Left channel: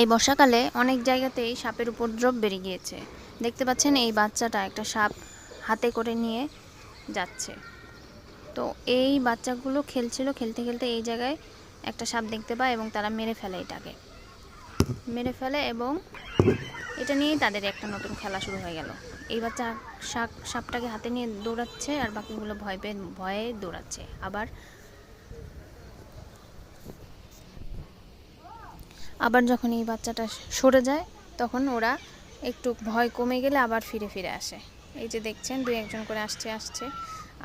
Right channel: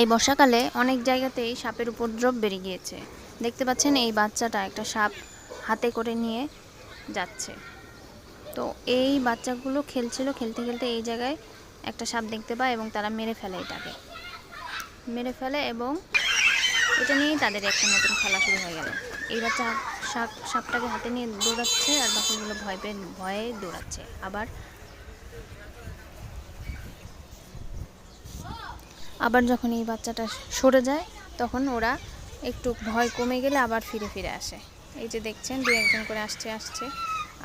এই বর্ষাকালে অনেক জায়গাতেই সাপের উপদ্রব বেড়ে গিয়েছে। দেখতে পাচ্ছেন এই বাচ্চাটা একটা সাপ হাতে করে নিয়ে যাচ্ছে। তো এই বাচ্চাগুলো খেলছিল, খেলতে খেলতে এই জায়গায় একটা সাপ দেখতে পায় এবং তারা মেরে ফেলে এটাকে, মেরে ফেলে এবং এটা নিয়েই তাদের একটা নতুন খেলা শুরু হয়ে গেল। এই বাচ্চা সাপটাকে হাতে নিয়ে দৌড়াচ্ছে আর বাকিগুলো ভয়ে দৌড়াচ্ছে। আবার যখন এই বাচ্চাটা সরে যায় তখন ওরা একটু ভয় কমে গেলে আবার ফিরে ফিরে আসে। এই যে দেখছেন দুই একজন করে আসছে।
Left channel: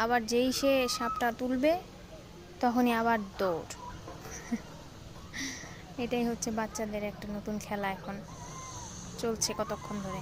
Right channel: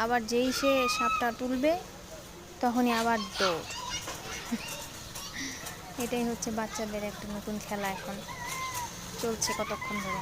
আবার যেই সে সাপটা তুলবে তখনই আবার দৌড়। এটাই হচ্ছে বাচ্চাদের একটা নতুন খেলা, এখন চলছে কতক্ষণ ধরে।